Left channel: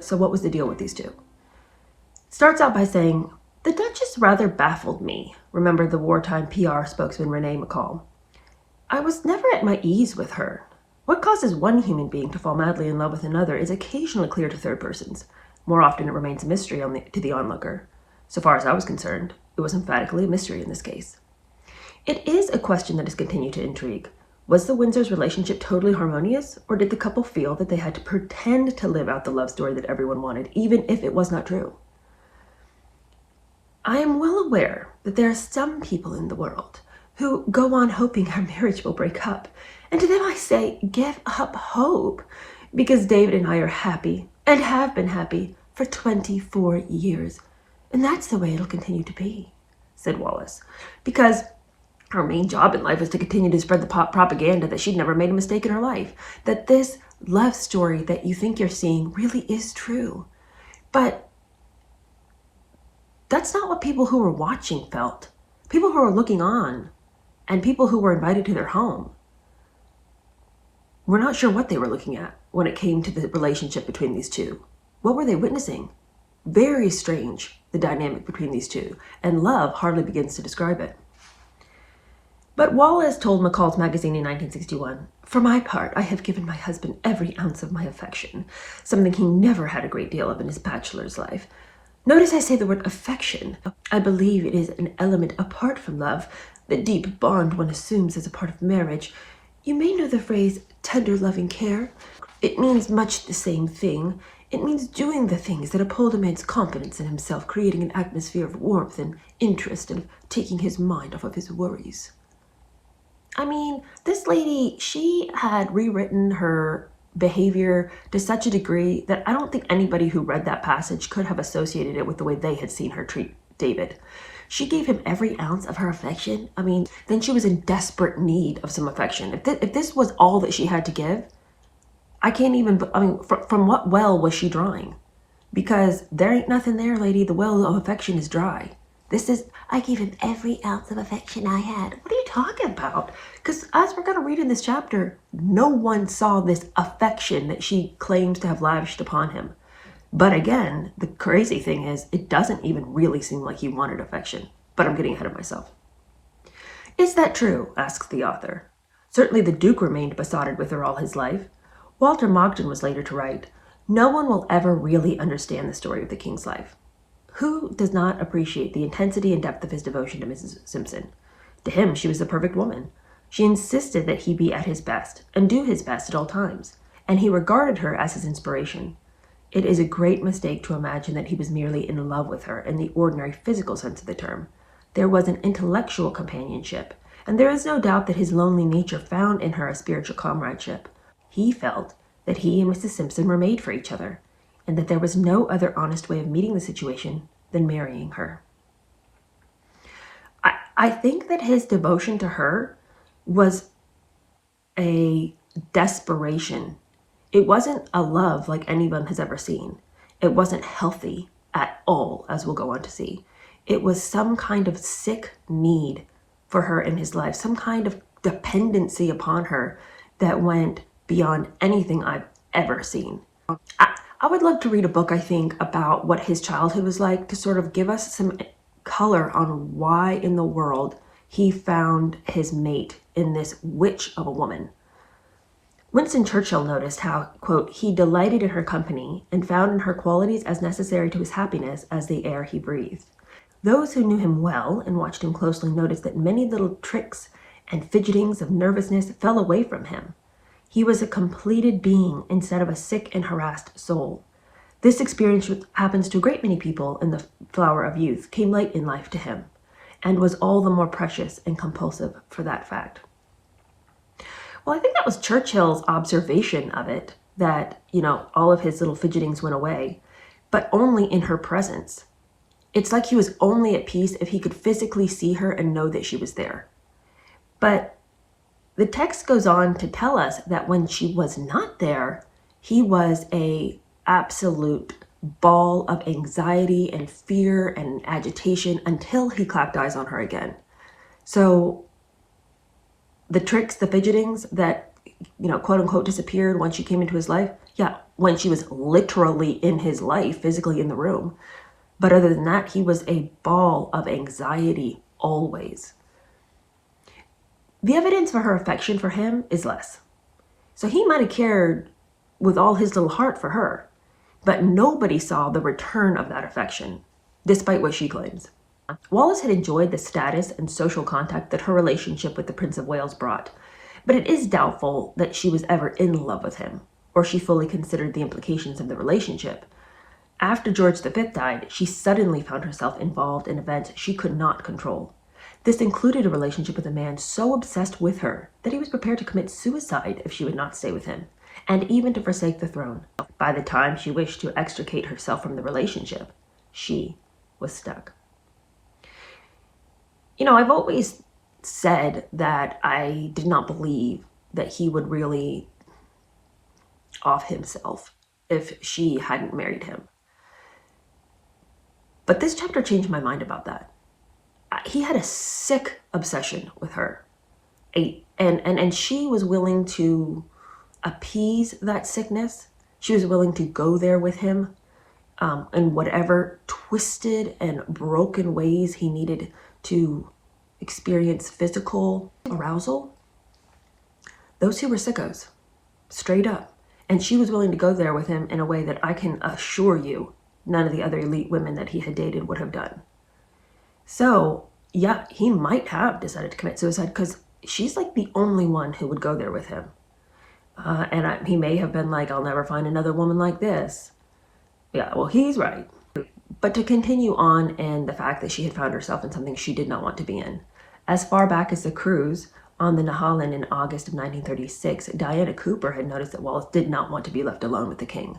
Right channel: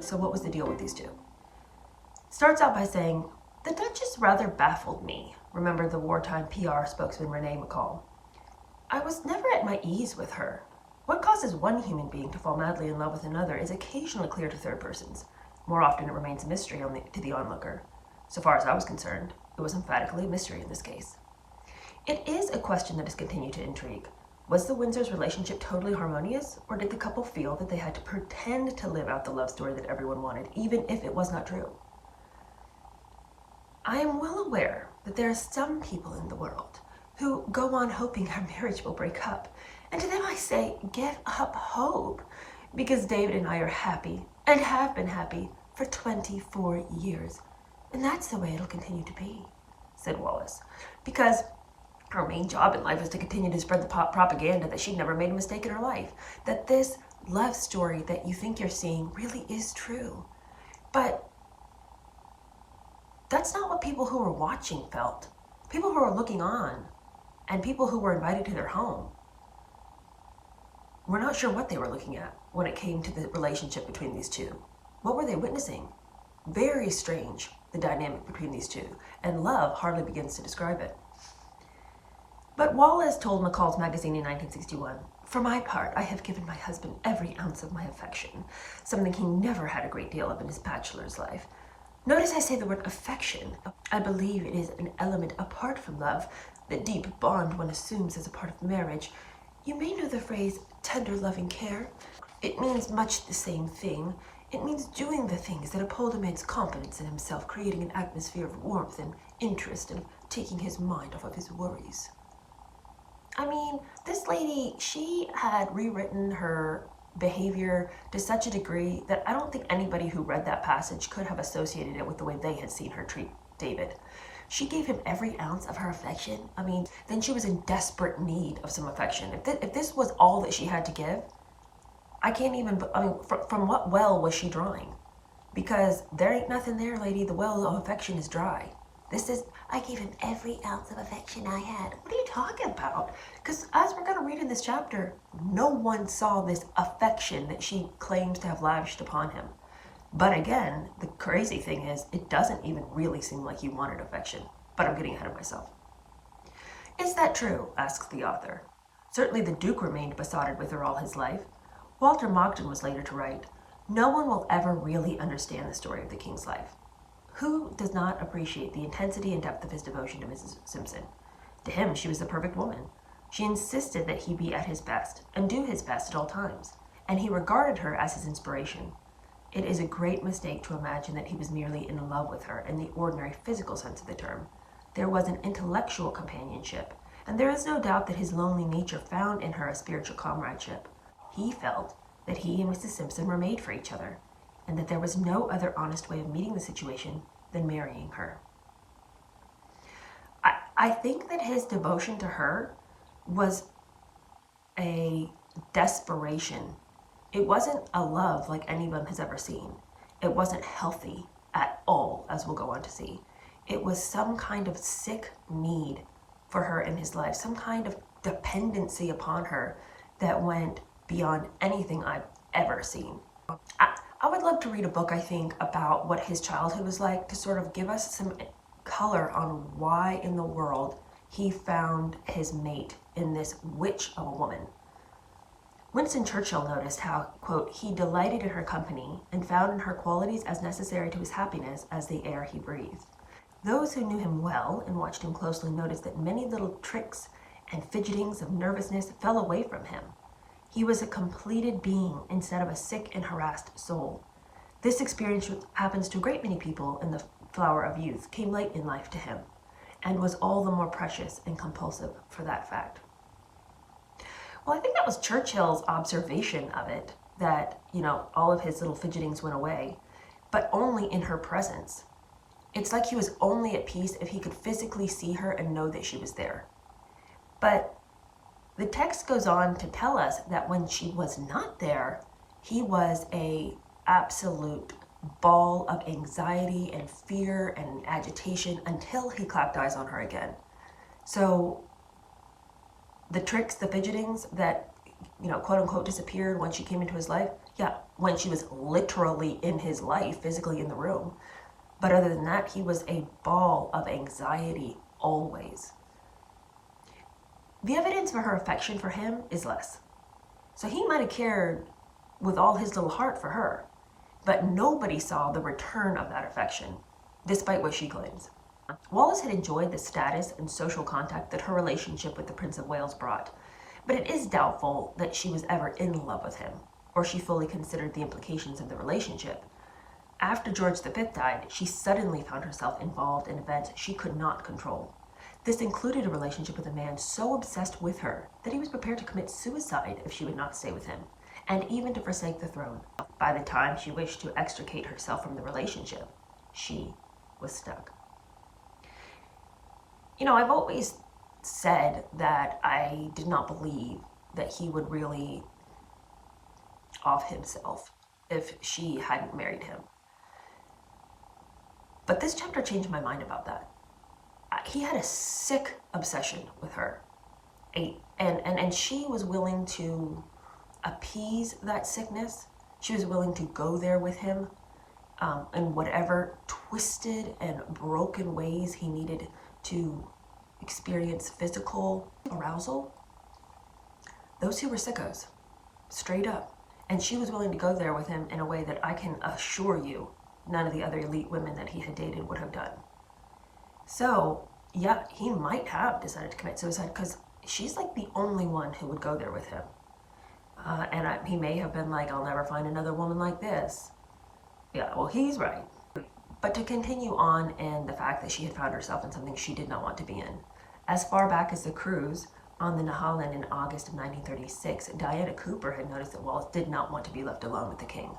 So what was the deal with these two? Starts out by saying, "The Duchess rather baffled me," remember the wartime PR spokesman Renee McCall. "I was never at my ease with her. What causes one human being to fall madly in love with another is occasionally clear to third persons. More often it remains a mystery to the onlooker. So far as I was concerned, it was emphatically a mystery in this case." It is a question that has continued to intrigue. Was the Windsors' relationship totally harmonious, or did the couple feel that they had to pretend to live out the love story that everyone wanted, even if it was not true? I am well aware that there are some people in the world who go on hoping our marriage will break up. And to them I say, give up hope, because David and I are happy and have been happy for 24 years. And that's the way it'll continue to be, said Wallis, because her main job in life is to continue to spread the propaganda that she'd never made a mistake in her life, that this love story that you think you're seeing really is true. But that's not what people who were watching felt. People who were looking on and people who were invited to their home. We're not sure what they were looking at when it came to the relationship between these two. What were they witnessing? Very strange, the dynamic between these two, and love hardly begins to describe it. But Wallis told McCall's magazine in 1961, "For my part, I have given my husband every ounce of my affection, something he never had a great deal of in his bachelor's life. Notice I say the word affection. I believe it is an element apart from love, the deep bond one assumes as a part of marriage. You may know the phrase tender loving care. It means much the same thing. It means doing the things that uphold a man's confidence in himself, creating an atmosphere of warmth and interest and taking his mind off of his worries." I mean, this lady, she had rewritten her behavior to such a degree that I don't think anybody who read that passage could have associated it with the way they had seen her treat David. She gave him every ounce of her affection. I mean, then she was in desperate need of some affection. If this was all that she had to give, I can't even, I mean, from what well was she drawing? Because there ain't nothing there, lady. The well of affection is dry. This is, "I gave him every ounce of affection I had." What are you talking about? Because as we're going to read in this chapter, no one saw this affection that she claims to have lavished upon him. But again, the crazy thing is, it doesn't even really seem like he wanted affection. But I'm getting ahead of myself. "Is that true?" asks the author. "Certainly the Duke remained besotted with her all his life." Walter Mogden was later to write, "No one will ever really understand the story of the king's life. Who does not appreciate the intensity and depth of his devotion to Mrs. Simpson? To him, she was the perfect woman. She insisted that he be at his best and do his best at all times, and he regarded her as his inspiration. It is a great mistake to imagine that he was merely in love with her in the ordinary physical sense of the term. There was an intellectual companionship, and there is no doubt that his lonely nature found in her a spiritual comradeship. He felt that he and Mrs. Simpson were made for each other, and that there was no other honest way of meeting the situation than marrying her." I think that his devotion to her was a desperation. It wasn't a love like anyone has ever seen. It wasn't healthy at all, as we'll go on to see. It was some kind of sick need for her in his life, some kind of dependency upon her that went beyond anything I've ever seen. I would love to read a book, I think, about what his childhood was like to sort of give us some color on why in the world he found his mate in this witch of a woman. Winston Churchill noticed how, quote, "he delighted in her company and found in her qualities as necessary to his happiness as the air he breathed." Those who knew him well and watched him closely noticed that many little tricks and fidgetings of nervousness fell away from him. He was a completed being instead of a sick and harassed soul. This experience, which happens to a great many people in the flower of youth, came late in life to him, and was all the more precious and compulsive for that fact. Well, I think that was Churchill's observation of it, that, you know, all of his little fidgetings went away, but only in her presence. It's like he was only at peace if he could physically see her and know that she was there. But the text goes on to tell us that when she was not there, he was a absolute ball of anxiety and fear and agitation until he clapped eyes on her again. So the tricks, the fidgetings that, you know, quote unquote disappeared once she came into his life, Yeah, when she was literally in his life, physically in the room. But other than that, he was a ball of anxiety always. The evidence for her affection for him is less. So he might have cared with all his little heart for her, but nobody saw the return of that affection, despite what she claims. Wallis had enjoyed the status and social contact that her relationship with the Prince of Wales brought, but it is doubtful that she was ever in love with him, or she fully considered the implications of the relationship. After George V died, she suddenly found herself involved in events she could not control. This included a relationship with a man so obsessed with her that he was prepared to commit suicide if she would not stay with him, and even to forsake the throne. By the time she wished to extricate herself from the relationship, she was stuck. You know, I've always said that I did not believe that he would really off himself if she hadn't married him. But this chapter changed my mind about that. He had a sick obsession with her. And she was willing to appease that sickness. She was willing to go there with him in whatever twisted and broken ways he needed to experience physical arousal. Those two were sickos, straight up. And she was willing to go there with him in a way that I can assure you none of the other elite women that he had dated would have done. So, yeah, he might have decided to commit suicide because she's like the only one who would go there with him. He may have been like, I'll never find another woman like this. Yeah, well, he's right. But to continue on in the fact that she had found herself in something she did not want to be in. As far back as the cruise on the Nehalem in August of 1936, Diana Cooper had noticed that Wallis did not want to be left alone with the king.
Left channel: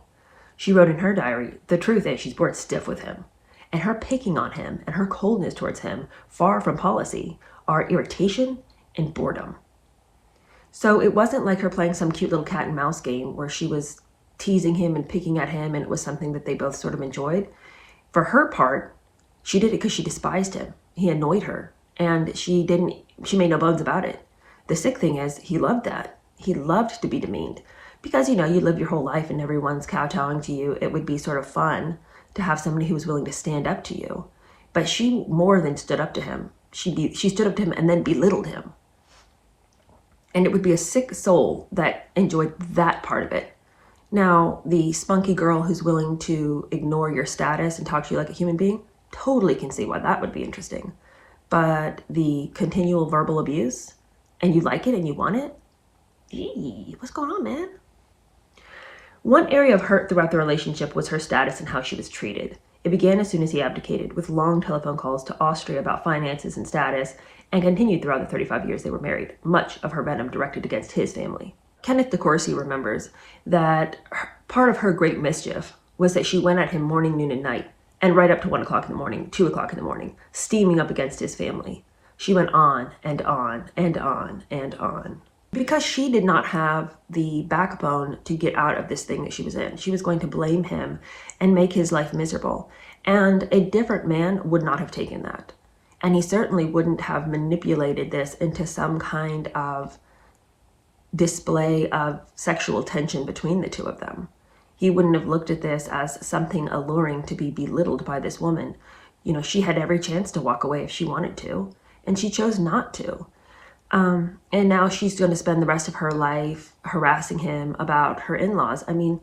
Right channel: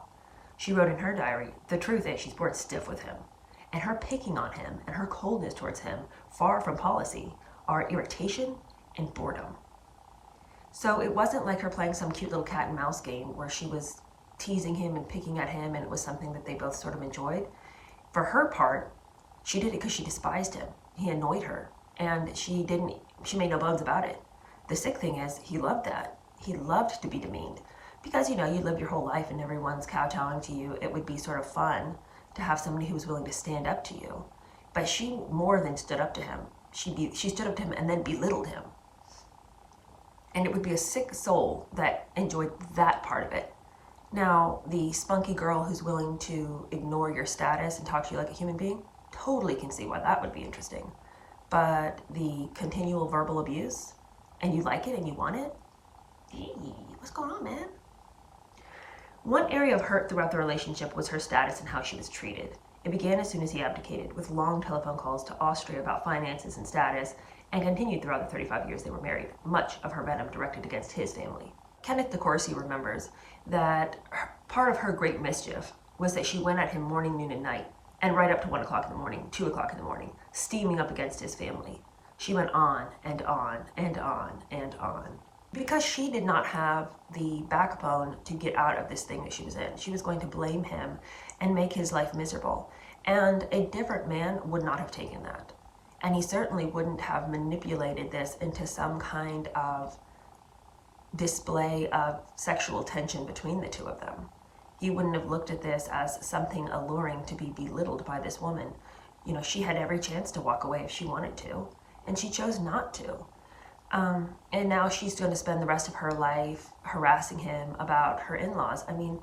She wrote in her diary, the truth is she's bored stiff with him. And her picking on him and her coldness towards him, far from policy, are irritation and boredom. So it wasn't like her playing some cute little cat and mouse game where she was teasing him and picking at him and it was something that they both sort of enjoyed. For her part, she did it because she despised him. He annoyed her and she made no bones about it. The sick thing is he loved that. He loved to be demeaned because, you know, you live your whole life and everyone's kowtowing to you. It would be sort of fun to have somebody who was willing to stand up to you. But she more than stood up to him. She stood up to him and then belittled him. And it would be a sick soul that enjoyed that part of it. Now, the spunky girl who's willing to ignore your status and talk to you like a human being, totally can see why that would be interesting. But the continual verbal abuse, and you like it and you want it? Gee, what's going on, man? One area of hurt throughout the relationship was her status and how she was treated. It began as soon as he abdicated, with long telephone calls to Austria about finances and status, and continued throughout the 35 years they were married, much of her venom directed against his family. Kenneth de Courcy remembers that part of her great mischief was that she went at him morning, noon, and night, and right up to 1 o'clock in the morning, 2 o'clock in the morning, steaming up against his family. She went on and on and on and on. Because she did not have the backbone to get out of this thing that she was in. She was going to blame him and make his life miserable. And a different man would not have taken that. And he certainly wouldn't have manipulated this into some kind of display of sexual tension between the two of them. He wouldn't have looked at this as something alluring to be belittled by this woman. You know, she had every chance to walk away if she wanted to, and she chose not to. And now she's going to spend the rest of her life harassing him about her in-laws. I mean,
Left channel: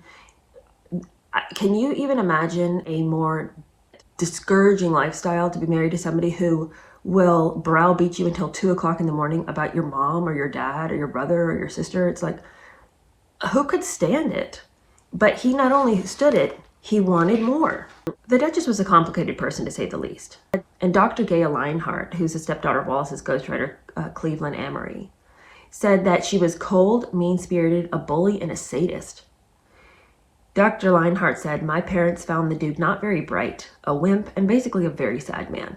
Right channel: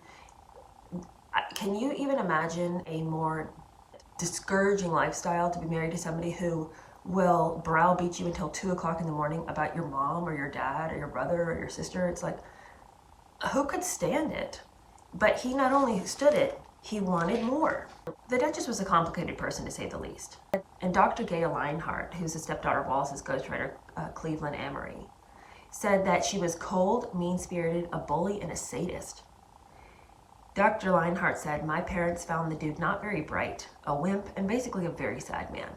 can you even imagine a more discouraging lifestyle to be married to somebody who will browbeat you until 2 o'clock in the morning about your mom or your dad or your brother or your sister? It's like, who could stand it? But he not only stood it, he wanted more. The Duchess was a complicated person, to say the least. And Dr. Gail Leinhart, who's the stepdaughter of Wallis's ghostwriter, Cleveland Amory, said that she was cold, mean-spirited, a bully, and a sadist. Dr. Leinhart said, my parents found the dude not very bright, a wimp, and basically a very sad man.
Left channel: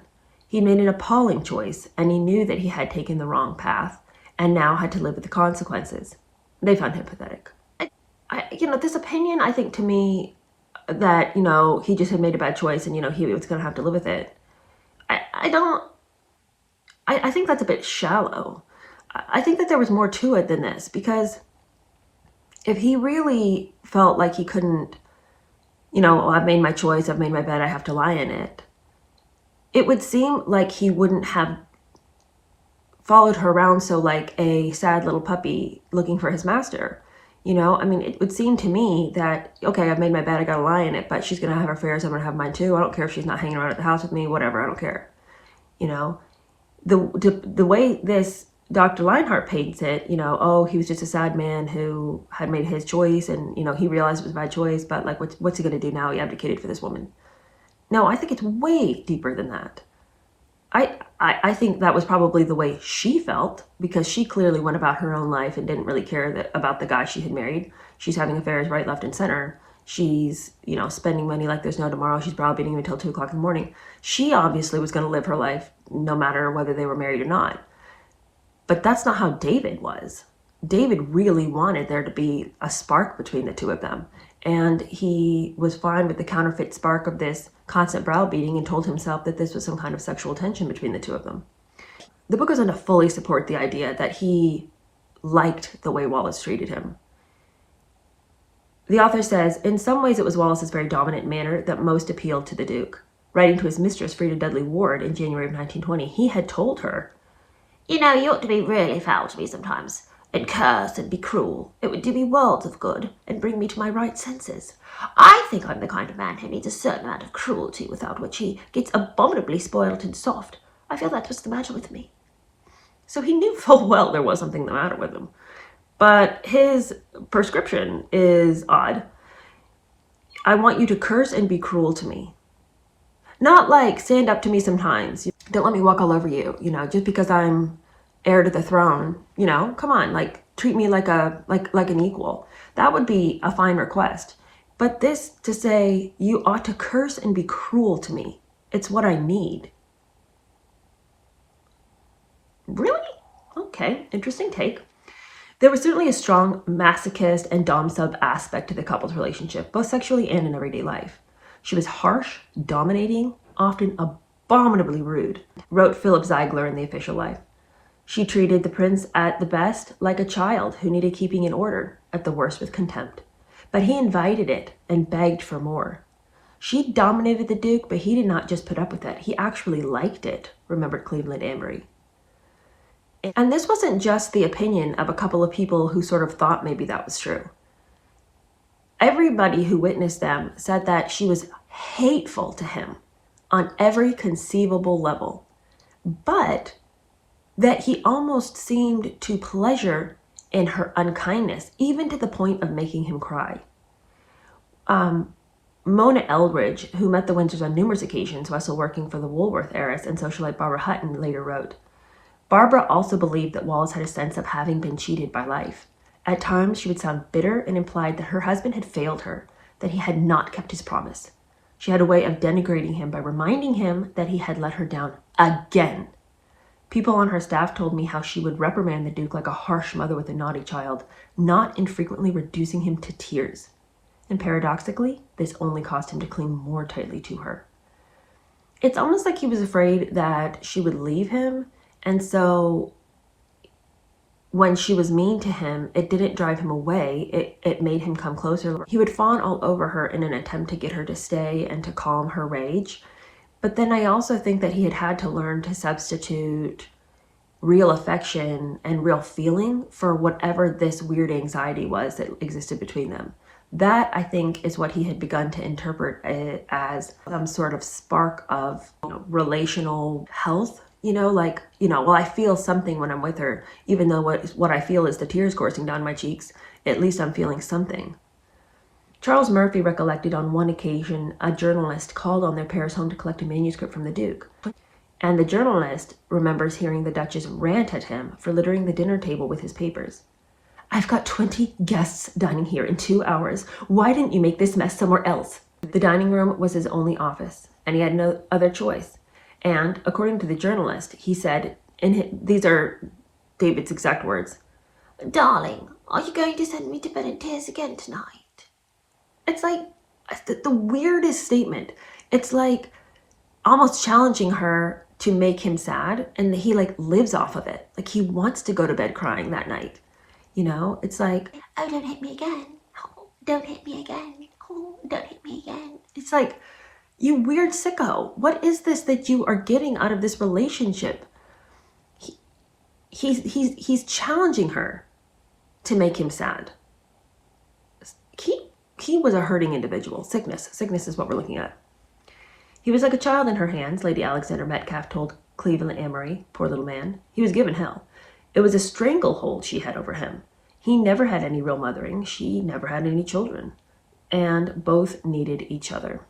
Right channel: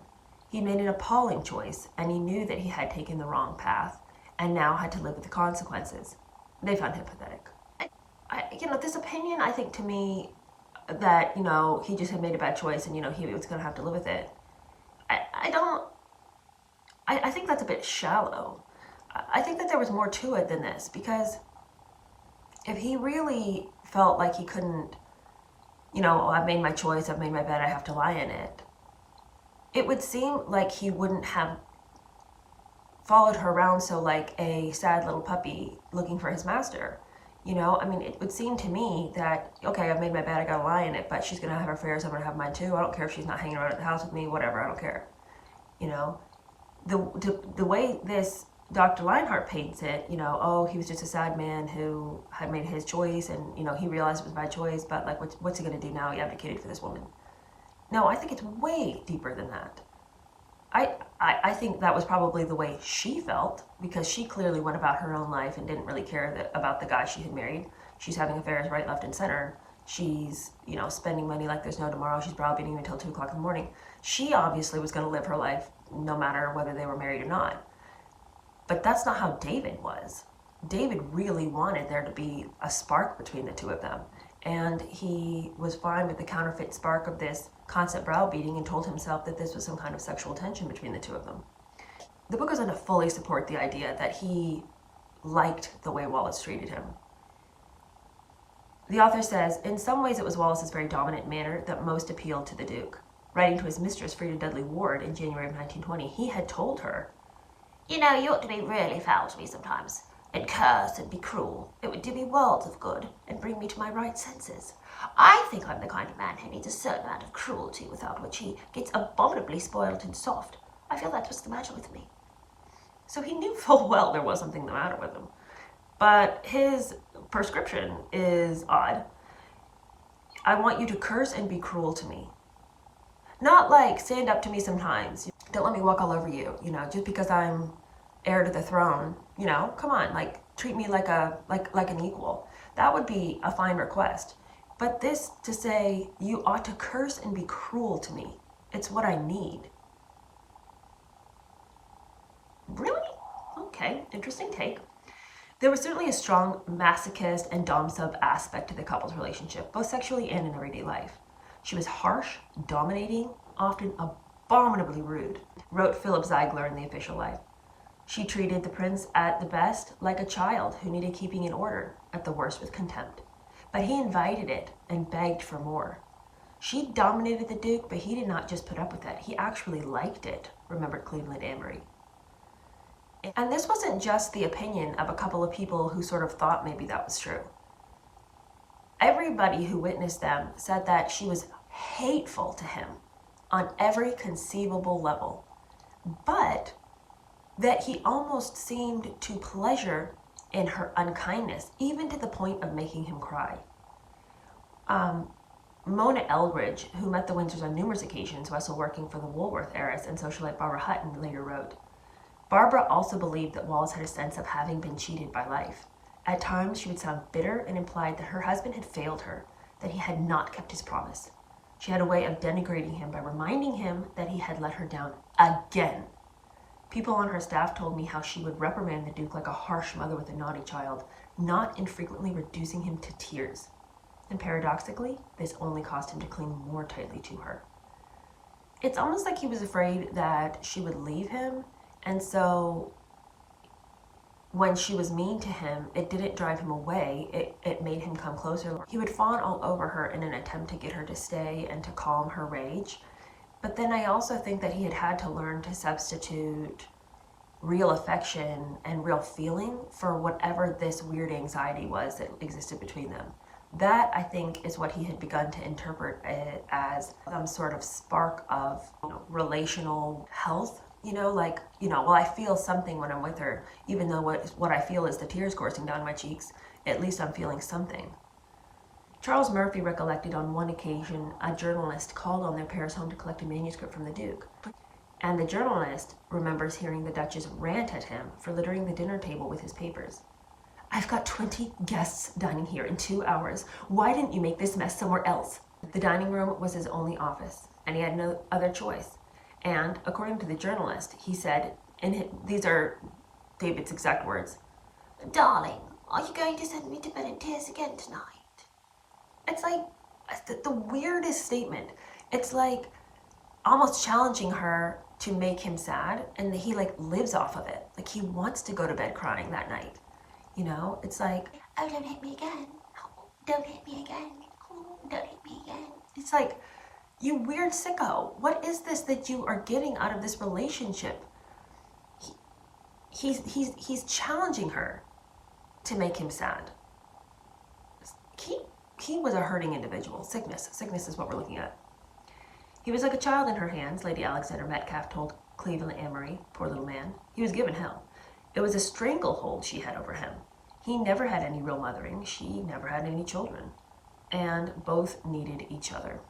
He made an appalling choice, and he knew that he had taken the wrong path, and now had to live with the consequences. They found him pathetic. This opinion, I think, to me, that, he just had made a bad choice and, he was going to have to live with it. I think that's a bit shallow. I think that there was more to it than this, because If he really felt like he couldn't, oh, I've made my choice, I've made my bed, I have to lie in it, it would seem like he wouldn't have followed her around so like a sad little puppy looking for his master. I mean, it would seem to me that, okay, I've made my bed, I gotta lie in it, but she's gonna have her affairs, I'm gonna have mine too. I don't care if she's not hanging around at the house with me, whatever, I don't care. The way this Dr. Leinhardt paints it, oh, he was just a sad man who had made his choice, and he realized it was a bad choice, but like, what's he gonna do now? He abdicated for this woman. No, I think it's way deeper than that. I think that was probably the way she felt, because she clearly went about her own life and didn't really care about the guy she had married. She's having affairs right, left, and center. She's, spending money like there's no tomorrow. She's browbeating him until 2 o'clock in the morning. She obviously was going to live her life no matter whether they were married or not. But that's not how David was. David really wanted there to be a spark between the two of them. And he was fine with the counterfeit spark of this constant browbeating and told himself that this was some kind of sexual tension between the two of them. The book goes on to fully support the idea that he liked the way Wallis treated him. The author says, in some ways it was Wallis's very dominant manner that most appealed to the Duke. Writing to his mistress, Frida Dudley Ward, in January of 1920, he had told her, you ought to be really foul to me sometimes, and curse and be cruel. It would do me worlds of good, and bring me to my right senses. I think I'm the kind of man who needs a certain amount of cruelty, without which he gets abominably spoiled and soft. I feel that's what's the matter with me. So he knew full well there was something the matter with him. But his prescription is odd. I want you to curse and be cruel to me. Not like stand up to me sometimes. Don't let me walk all over you, just because I'm heir to the throne, come on, like treat me like an equal. That would be a fine request. But this to say you ought to curse and be cruel to me, it's what I need. Really? Okay, interesting take. There was certainly a strong masochist and dom-sub aspect to the couple's relationship, both sexually and in everyday life. She was harsh, dominating, often abominably rude, wrote Philip Ziegler in The Official Life. She treated the prince at the best like a child who needed keeping in order, at the worst with contempt. But he invited it and begged for more. She dominated the Duke, but he did not just put up with it. He actually liked it, remembered Cleveland Ambry. And this wasn't just the opinion of a couple of people who sort of thought maybe that was true. Everybody who witnessed them said that she was hateful to him on every conceivable level, but that he almost seemed to pleasure in her unkindness, even to the point of making him cry. Mona Eldridge, who met the Windsors on numerous occasions while still working for the Woolworth heiress and socialite Barbara Hutton, later wrote, Barbara also believed that Wallis had a sense of having been cheated by life. At times, she would sound bitter and implied that her husband had failed her, that he had not kept his promise. She had a way of denigrating him by reminding him that he had let her down again. People on her staff told me how she would reprimand the Duke like a harsh mother with a naughty child, not infrequently reducing him to tears. And paradoxically, this only caused him to cling more tightly to her. It's almost like he was afraid that she would leave him, and so when she was mean to him, it didn't drive him away, it made him come closer. He would fawn all over her in an attempt to get her to stay and to calm her rage. But then I also think that he had to learn to substitute real affection and real feeling for whatever this weird anxiety was that existed between them. That, I think, is what he had begun to interpret as some sort of spark of relational health. Well, I feel something when I'm with her, even though what I feel is the tears coursing down my cheeks. At least I'm feeling something. Charles Murphy recollected on one occasion a journalist called on their Paris home to collect a manuscript from the Duke. And the journalist remembers hearing the Duchess rant at him for littering the dinner table with his papers. I've got 20 guests dining here in 2 hours. Why didn't you make this mess somewhere else? The dining room was his only office, and he had no other choice. And according to the journalist, he said, these are David's exact words, Darling, are you going to send me to bed in tears again tonight? It's like the weirdest statement. It's like almost challenging her to make him sad, and he lives off of it. Like he wants to go to bed crying that night. You know, it's like, oh, don't hit me again. Oh, don't hit me again. Oh, don't hit me again. It's like, you weird sicko. What is this that you are getting out of this relationship? He's challenging her to make him sad. He was a hurting individual. Sickness is what we're looking at. He was like a child in her hands, Lady Alexander Metcalf told Cleveland Amory, poor little man. He was given hell. It was a stranglehold she had over him. He never had any real mothering. She never had any children. And both needed each other.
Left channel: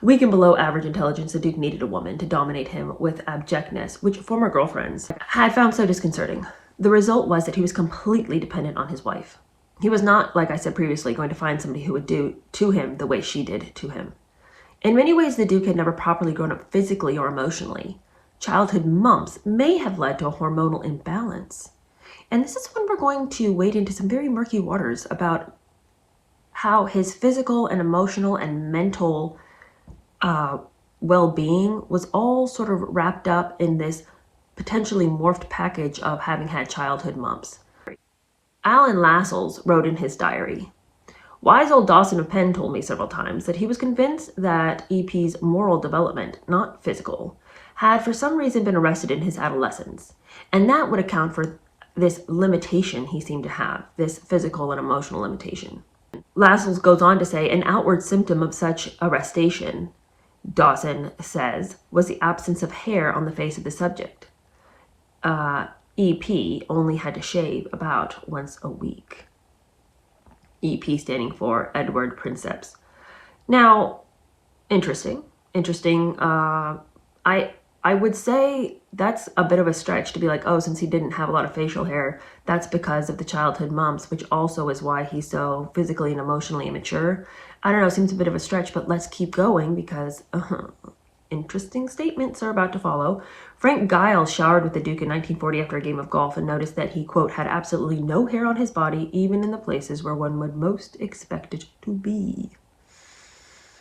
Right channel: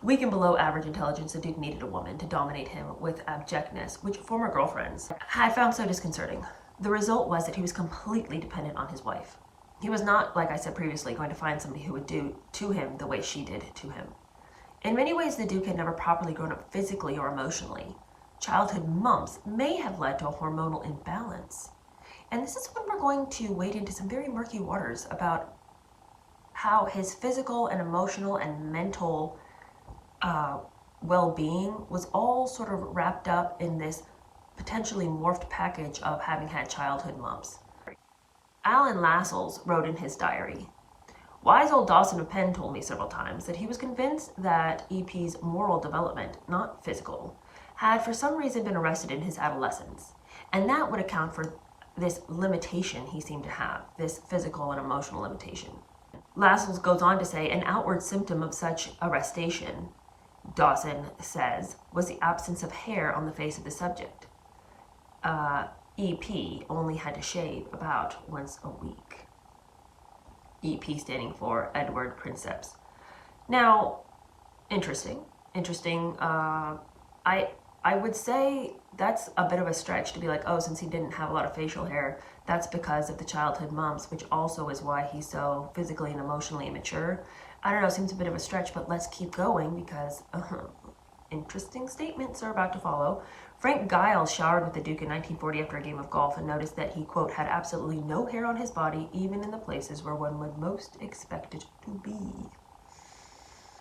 Weak and below average intelligence, the Duke needed a woman to dominate him with abjectness, which former girlfriends had found so disconcerting. The result was that he was completely dependent on his wife. He was not, like I said previously, going to find somebody who would do to him the way she did to him. In many ways, the Duke had never properly grown up physically or emotionally. Childhood mumps may have led to a hormonal imbalance. And this is when we're going to wade into some very murky waters about how his physical and emotional and mental well-being was all sort of wrapped up in this potentially morphed package of having had childhood mumps. Alan Lascelles wrote in his diary, "Wise old Dawson of Penn told me several times that he was convinced that EP's moral development, not physical, had for some reason been arrested in his adolescence, and that would account for this limitation he seemed to have, this physical and emotional limitation." Lascelles goes on to say, an outward symptom of such arrestation, Dawson says, was the absence of hair on the face of the subject. EP only had to shave about once a week. EP standing for Edward Princeps. Now, interesting. I would say that's a bit of a stretch to be like, oh, since he didn't have a lot of facial hair, that's because of the childhood mumps, which also is why he's so physically and emotionally immature. I don't know, seems a bit of a stretch, but let's keep going because interesting statements are about to follow. Frank Giles showered with the Duke in 1940 after a game of golf and noticed that he, quote, had absolutely no hair on his body, even in the places where one would most expect it to be.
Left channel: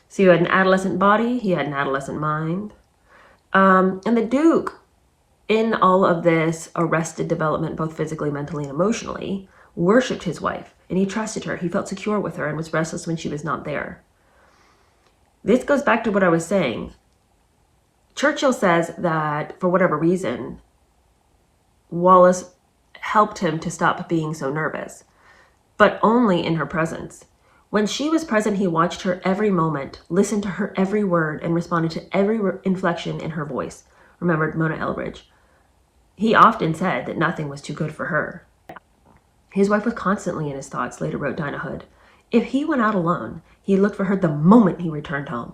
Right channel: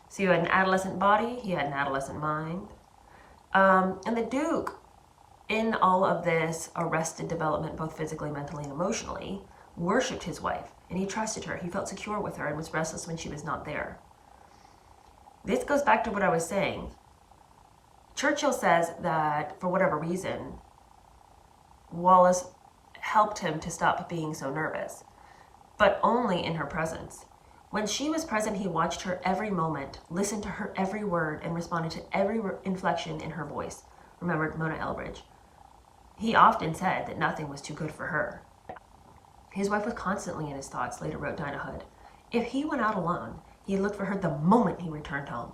So you had an adolescent body, he had an adolescent mind. And the Duke, in all of this arrested development, both physically, mentally, and emotionally, worshipped his wife, and he trusted her. He felt secure with her and was restless when she was not there. This goes back to what I was saying. Churchill says that, for whatever reason, Wallis helped him to stop being so nervous, but only in her presence. When she was present, he watched her every moment, listened to her every word, and responded to every inflection in her voice, remembered Mona Elbridge. He often said that nothing was too good for her. His wife was constantly in his thoughts, later wrote Dinah Hood. If he went out alone, he looked for her the moment he returned home.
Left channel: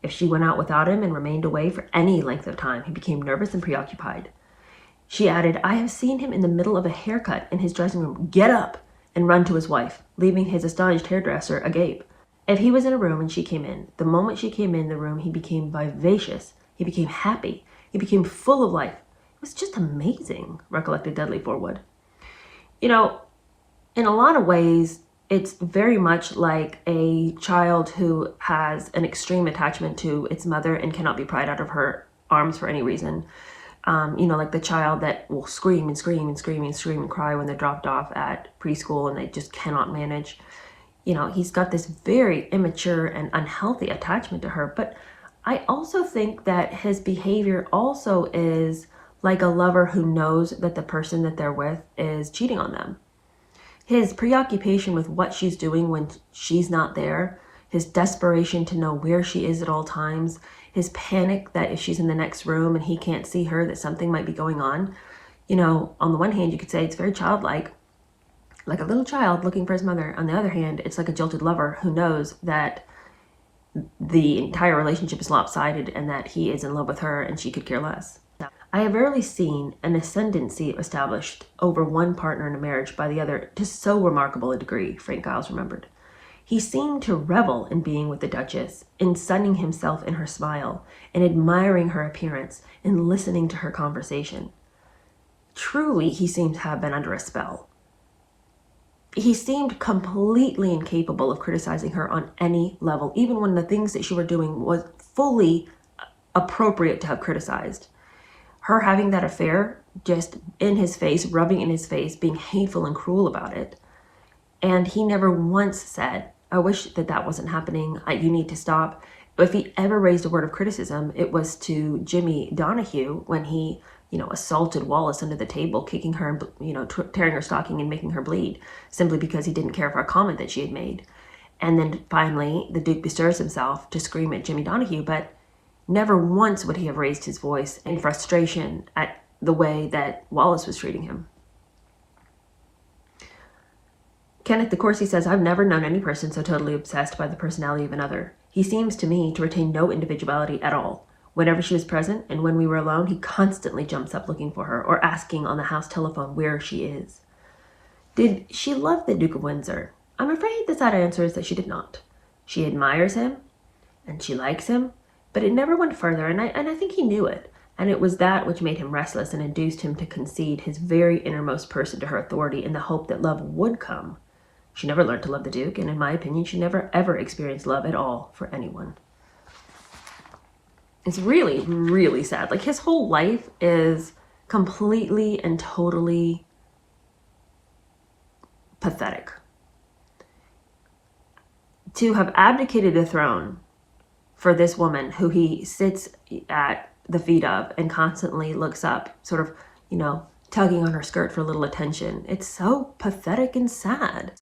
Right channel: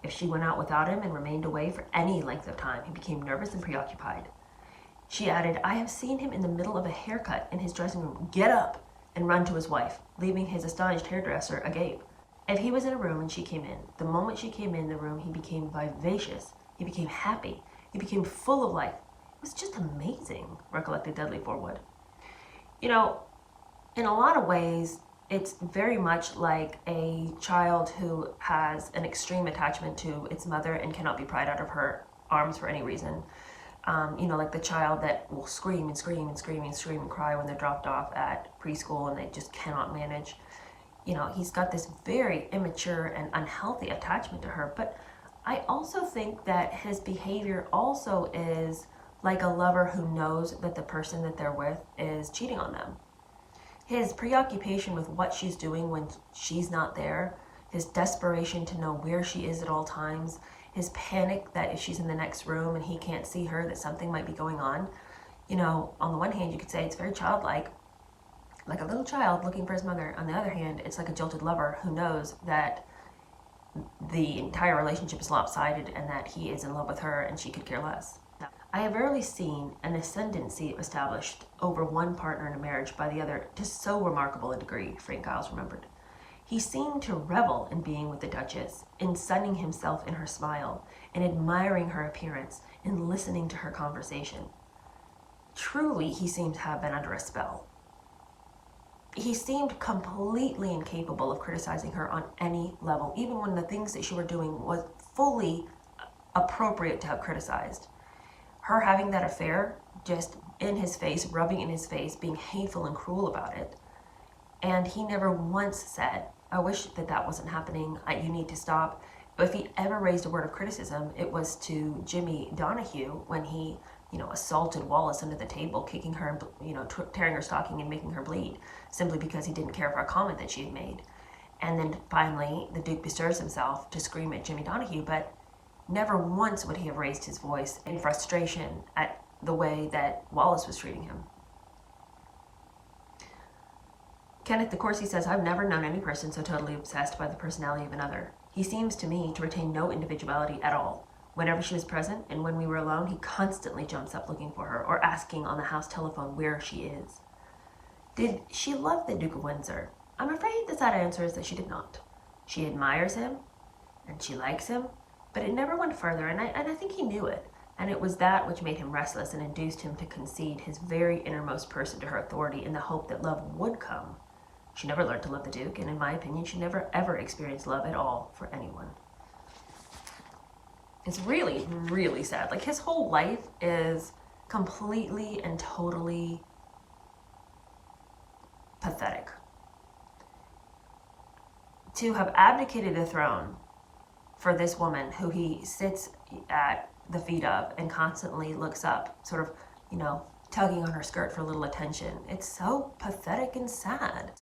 If she went out without him and remained away for any length of time, he became nervous and preoccupied. She added, I have seen him in the middle of a haircut in his dressing room get up and run to his wife, leaving his astonished hairdresser agape. If he was in a room and she came in, the moment she came in the room, he became vivacious, he became happy, he became full of life. It was just amazing, recollected Dudley Forwood. You know, in a lot of ways, it's very much like a child who has an extreme attachment to its mother and cannot be pried out of her arms for any reason. Like the child that will scream and scream and scream and scream and cry when they're dropped off at preschool and they just cannot manage. He's got this very immature and unhealthy attachment to her. But I also think that his behavior also is like a lover who knows that the person that they're with is cheating on them. His preoccupation with what she's doing when she's not there, his desperation to know where she is at all times, his panic that if she's in the next room and he can't see her, that something might be going on. On the one hand, you could say it's very childlike, like a little child looking for his mother. On the other hand, it's like a jilted lover who knows that the entire relationship is lopsided and that he is in love with her and she could care less. I have rarely seen an ascendancy established over one partner in a marriage by the other to so remarkable a degree, Frank Giles remembered. He seemed to revel in being with the Duchess, in sunning himself in her smile, in admiring her appearance, in listening to her conversation. Truly, he seemed to have been under a spell. He seemed completely incapable of criticizing her on any level, even when the things that she were doing was fully appropriate to have criticized. Her having that affair just in his face, rubbing in his face, being hateful and cruel about it. And he never once said, I wish that wasn't happening. You need to stop. If he ever raised a word of criticism, it was to Jimmy Donahue when he, assaulted Wallis under the table, kicking her, tearing her stocking and making her bleed, simply because he didn't care for a comment that she had made. And then finally, the Duke bestirs himself to scream at Jimmy Donahue, but never once would he have raised his voice in frustration at the way that Wallis was treating him. Kenneth DeCourcy says, I've never known any person so totally obsessed by the personality of another. He seems to me to retain no individuality at all. Whenever she was present and when we were alone, he constantly jumps up looking for her or asking on the house telephone where she is. Did she love the Duke of Windsor? I'm afraid the sad answer is that she did not. She admires him and she likes him, but it never went further, and I think he knew it. And it was that which made him restless and induced him to concede his very innermost person to her authority in the hope that love would come. She never learned to love the Duke, and in my opinion, she never ever experienced love at all for anyone. It's really, really sad. Like, his whole life is completely and totally pathetic. To have abdicated the throne for this woman who he sits at the feet of and constantly looks up, sort of, tugging on her skirt for a little attention. It's so pathetic and sad.